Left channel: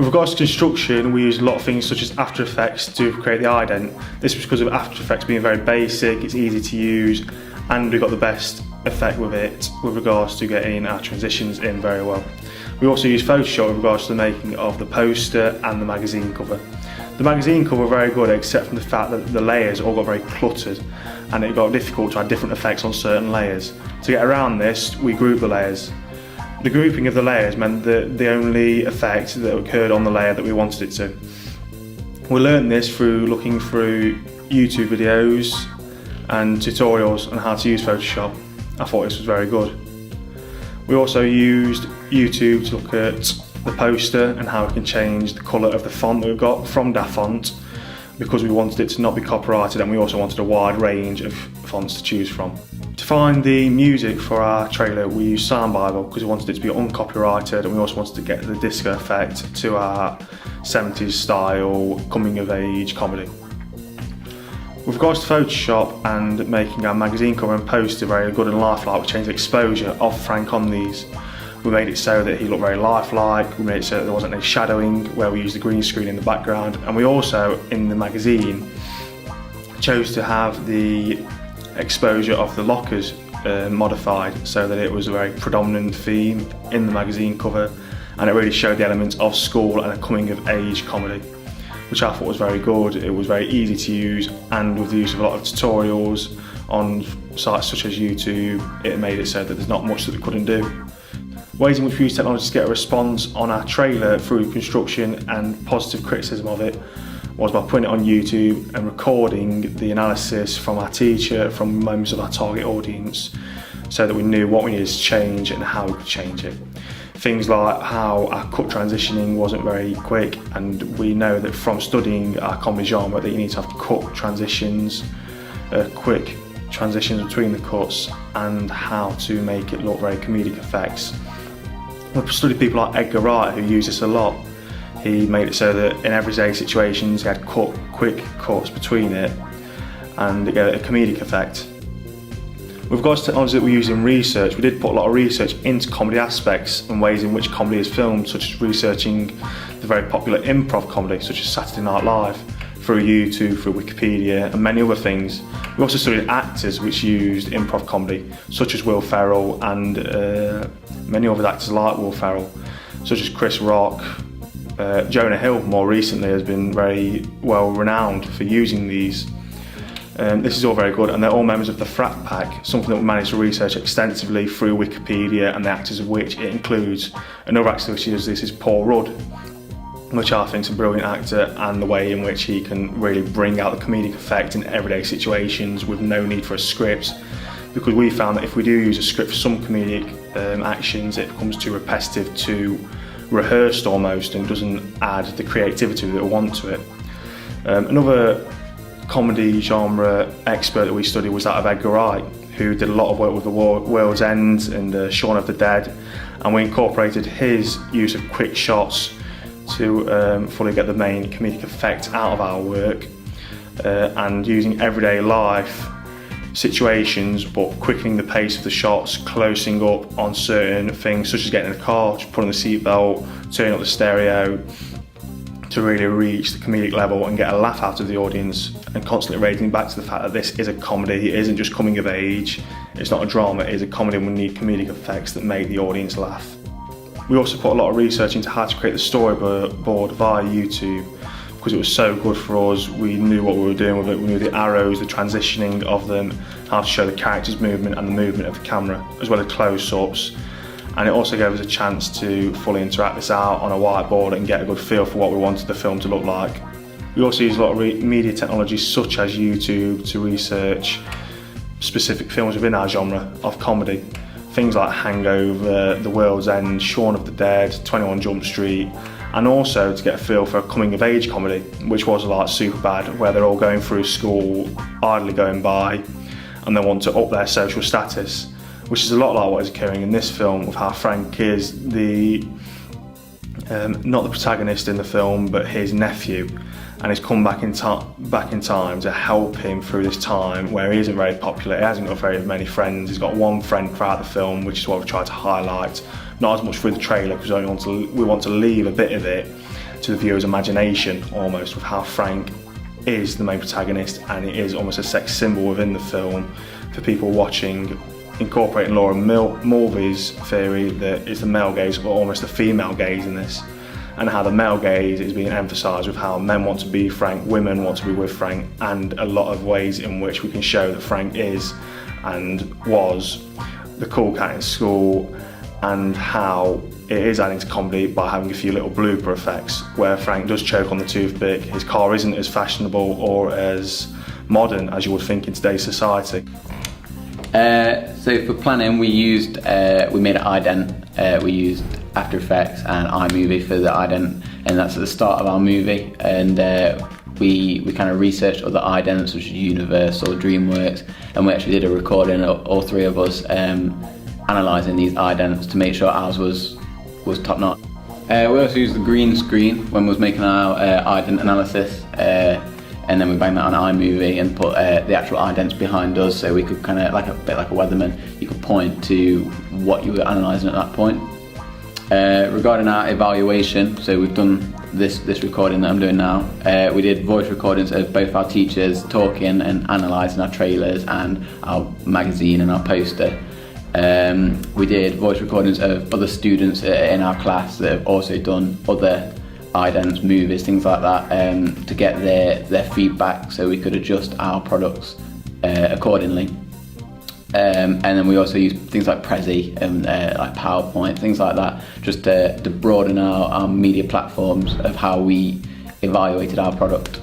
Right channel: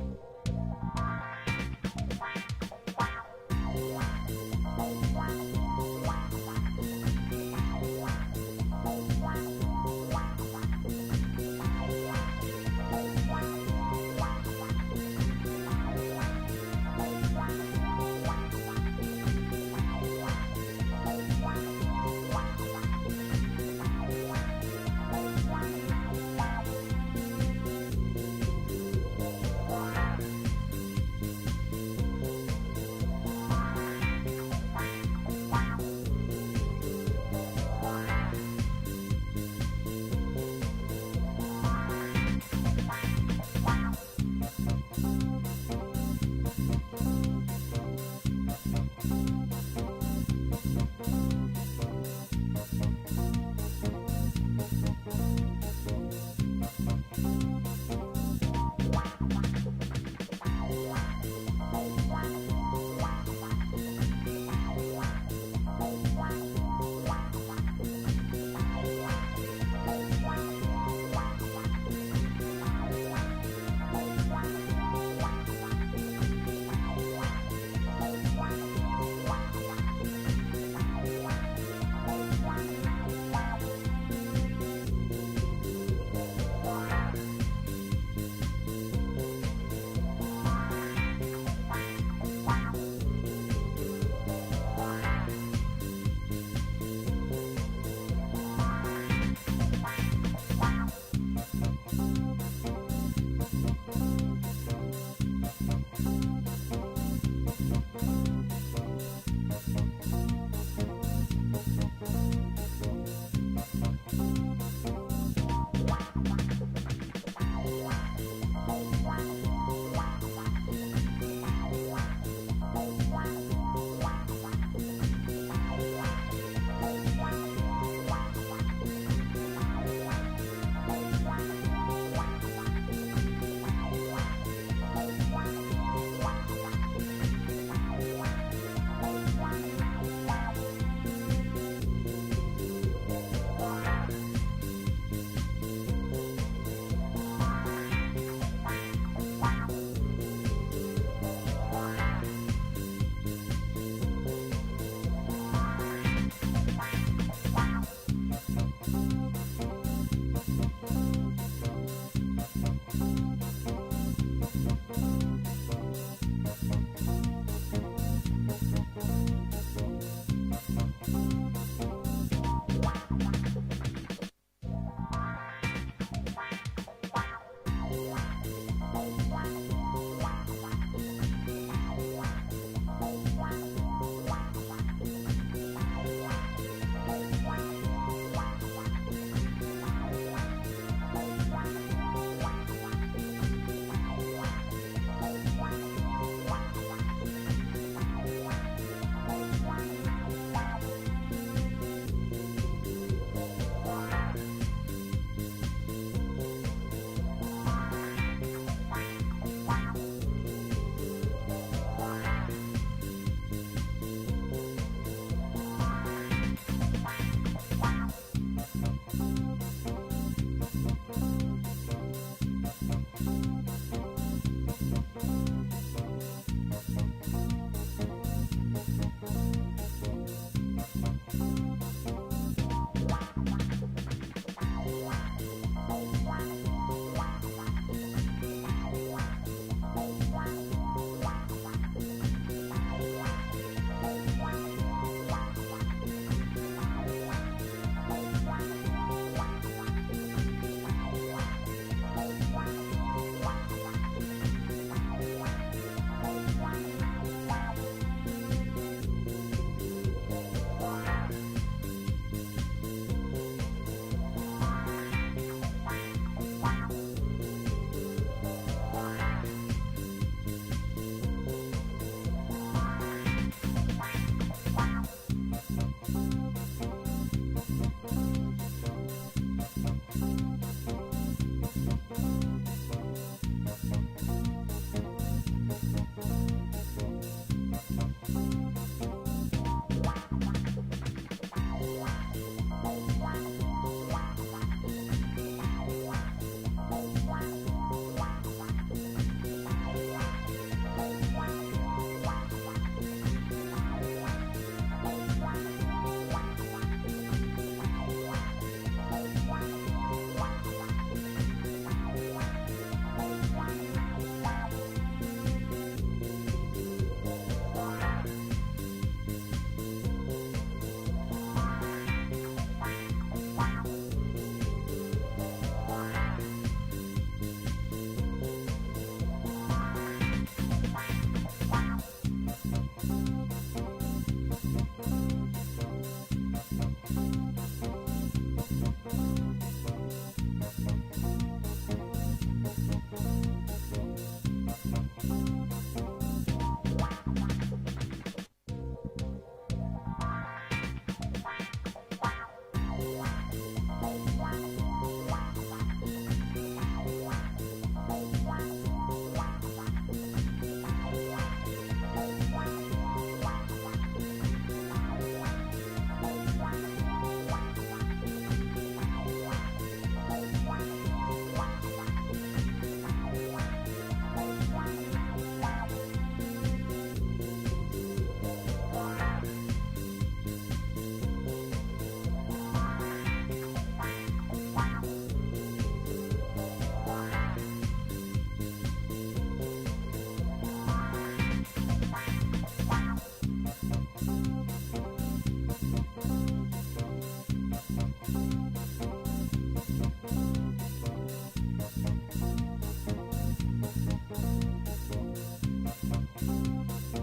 With regards to construction, we use a lot of things such as After Effects to create the ident. This was because of After Effects being very basic, it's easy to use, and we got the best effect with it with regards to getting our transitions in very well. We also use Photoshop with regards to the making of the poster and the magazine cover. The magazine cover were very good, except for the fact that the layers all got very cluttered and it got difficult to add different effects on certain layers. To get around this, we grouped the layers. The grouping of the layers meant that the only effect that occurred on the layer that we wanted it to. We learned this through looking through YouTube videos and tutorials on how to use Photoshop. I thought this was very good. We also used YouTube to look at the poster and how we can change the colour of the font that we've got from DaFont, because we wanted it to not be copyrighted, and we also wanted a wide range of fonts to choose from. To find the music for our trailer, we used Sound Bible because we wanted it to be uncopyrighted, and we also wanted to get the disco effect to our 70s style coming of age comedy. With regards to Photoshop and making our magazine cover and poster very good and lifelike, we changed the exposure of Frank on these. We made it so that he looked very lifelike, we made it so that there wasn't any shadowing where we used the green screen in the background, and we also, in the magazine, chose to have the exposure of the lockers modified so that it was a very predominant theme in the magazine cover, and it really showed the elements of school and a coming of age comedy, which I thought was very good. It was very easy to use, and with the use of a lot of tutorials on sites such as YouTube, it made it so that there's not much that we couldn't do. Ways in which we use technology to get a response on our trailer through construction and positive criticism of it was by putting it on YouTube and recording the analysis from our teacher, from members of our target audience, so that we knew what we needed to change and how we could change it. Things like how our cut transitioning wasn't very quick, and we know that from studying our comedy genre that you need to have cut transitions, quick transitions between the cuts, and how to make it look very comedic effects. We've studied people like Edgar Wright, who use this a lot. He made it so that in everyday situations he had quick cuts between it, and it gave it a comedic effect. With regards to technology that we use in research, we did put a lot of research into comedy aspects and ways in which comedy is filmed, such as researching the very popular improv comedy, such as Saturday Night Live, through YouTube, through Wikipedia, and many other things. We also studied actors which used improv comedy, such as Will Ferrell and many other actors like Will Ferrell, such as Chris Rock. Jonah Hill, more recently, has been very well renowned for using these. This is all very good, and they're all members of the Frat Pack, something that we managed to research extensively through Wikipedia, and the actors of which it includes. Another actor which uses this is Paul Rudd, which I think is a brilliant actor, and the way in which he can really bring out the comedic effect in everyday situations with no need for a script, because we found that if we do use a script for some comedic actions, it becomes too repetitive, too rehearsed almost, and doesn't add the creativity that we want to it. Another comedy genre expert that we studied was that of Edgar Wright, who did a lot of work with The World's End and Shaun of the Dead, and we incorporated his use of quick shots to fully get the main comedic effect out of our work, and using everyday life situations but quickening the pace of the shots, closing up on certain things such as getting in a car, putting the seatbelt, turning up the stereo, to really reach the comedic level and get a laugh out of the audience, and constantly raising back to the fact that this is a comedy, it isn't just coming of age, it's not a drama, it is a comedy, and we need comedic effects that make the audience laugh. We also put a lot of research into how to create the storyboard via YouTube, because it was so good for us. We knew what we were doing with it, we knew the arrows, the transitioning of them, how to show the characters' movement and the movement of the camera, as well as close-ups. And it also gave us a chance to fully interact this out on a whiteboard and get a good feel for what we wanted the film to look like. We also use a lot of media technologies such as YouTube to research specific films within our genre of comedy. Things like Hangover, The World's End, Shaun of the Dead, 21 Jump Street, and also to get a feel for a coming of age comedy, which was like Superbad, where they're all going through school, idly going by, and they want to up their social status, which is a lot like what is occurring in this film with how Frank is the not the protagonist in the film, but his nephew, and he's come back in time to help him through this time where he isn't very popular. He hasn't got very many friends. He's got one friend throughout the film, which is what we tried to highlight. Not as much through the trailer, because we want to leave a bit of it to the viewer's imagination, almost, with how Frank is the main protagonist, and it is almost a sex symbol within the film for people watching, incorporating Laura Mulvey's theory that it's the male gaze or almost the female gaze in this, and how the male gaze is being emphasised with how men want to be Frank, women want to be with Frank, and a lot of ways in which we can show that Frank is and was the cool cat in school, and how it is adding to comedy by having a few little blooper effects where Frank does choke on the toothpick. His car isn't as fashionable or as modern as you would think in today's society. So for planning, we made an ident. We used After Effects and iMovie for the ident, and that's at the start of our movie. And we kind of researched other idents, such as Universal, DreamWorks, and we actually did a recording, all three of us, analysing these idents to make sure ours was top notch. We also used the green screen when we was making our ident analysis. And then we banged that on iMovie and put the actual idents behind us, so we could kind of, like a bit like a weatherman, you could point to what you were analysing at that point. Regarding our evaluation, so we've done this recording that I'm doing now. We did voice recordings of both our teachers talking and analysing our trailers and our magazine and our poster. We did voice recordings of other students in our class that have also done other idents, movies, things like that, to get their feedback so we could adjust our products accordingly. And then we also use things like Prezi and like PowerPoint, things like that, just to broaden our media platforms of how we evaluated our product.